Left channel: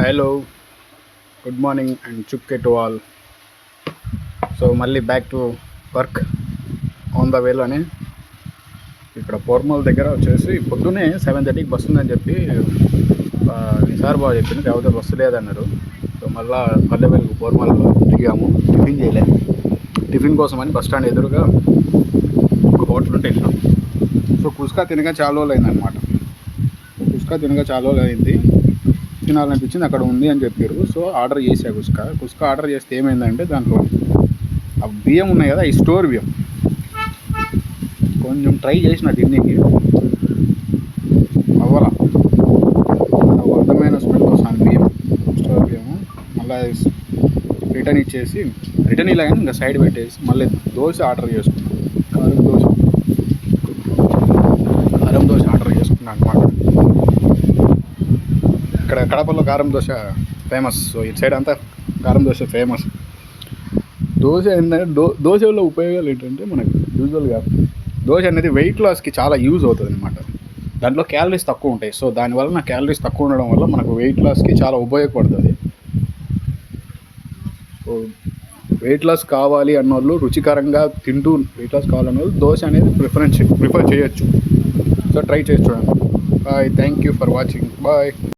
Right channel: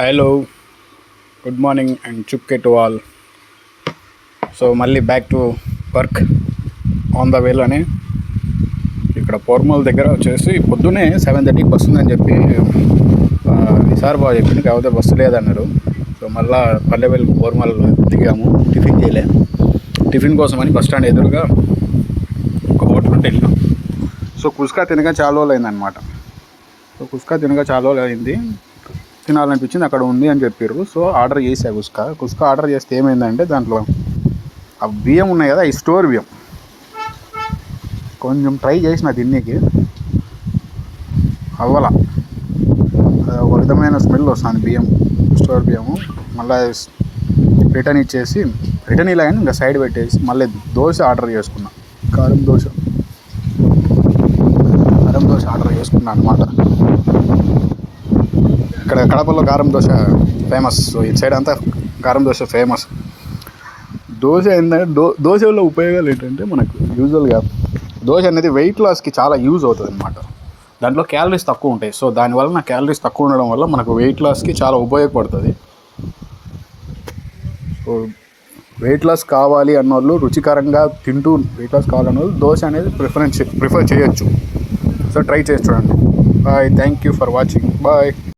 Hello, good morning and చుక్కే to all. So మళ్ళీ back to work on the వేలోనే ఇక్కడ పోర్మల్ దగ్గర వచ్చేసి పొద్దున్నే 7:30కి బస్సు ఉందని చెప్పి సార్ బాగా చెప్పింది, కాకపోతే బస్సు లేదన్నారు. సో మళ్ళీ పల్లెవేలు పోర్మల్ దిగాము. టిఫిన్ చేయలే, టిఫిన్ కోసమని బస్ స్టాండ్ ఎదురుగా ఒక హోటల్ ఉంటే వెళ్ళాం. సో కుస్కా తినగా చాలా రోజులు అయిందనమాట. సో కుస్కా తినగా చాలా రోజులు అయింది, తినాలనిపించింది, అక్కడ ఉంది అని చెప్పారు. సో ఆర్డర్ చేసా కుస్కా ఆర్డర్ చేస్తే ఏమైందంటే దాంట్లో ఆ బియ్యం ఉన్నాయి కదా, ఈ స్టోర్ బియ్యం కొంచెం ట్రై చేసిన తిన్నీకి అవ్వాల, ఒక విధమైన స్మెల్ వస్తుంది బియ్యం, స్టోర్ బియ్యము. మళ్ళీ రిటర్న్ ఇచ్చేసి రిటర్న్ ఇలా కానీ ఇంకా సైడ్ పెట్టేసి మళ్ళీ దోశ ఆర్డర్ చేసుకున్నాను. కారం దోశ ఆర్డర్ చేసుకున్నాను అనమాట. ఇక్కడ కడపలో కారం దోశ ఫేమస్. సో ఇటు సైడ్ అంతా కారం దోశ ఫేమస్. దోశ ఏంటంటే దోశ వల్ల ఉపయోగాలు ఏంటంటే మనకు యూజువల్గా దోశ అనేది వెయిట్ లాస్కి చాలా యూజ్ అవుతుంది అనమాట. దాంట్లో క్యాలరీస్ తక్కువ ఉంటాయి. సో దానివల్ల క్యాలరీస్ తక్కువ ఉండడం వల్ల మనకు వెయిట్ లాస్కి చాలా ఉపయోగపడుతుంది. సో వెయిట్ లాస్ కావాలి అన్నోళ్ళు, రుచికరంగా తింటూ వెయిట్ లాస్ కావాలన్న వాళ్ళు దోశ అనేది ప్రిఫర్ చేయొచ్చు. సో ట్రై చేసి చూడండి. Bye, thank you for watching. Bye.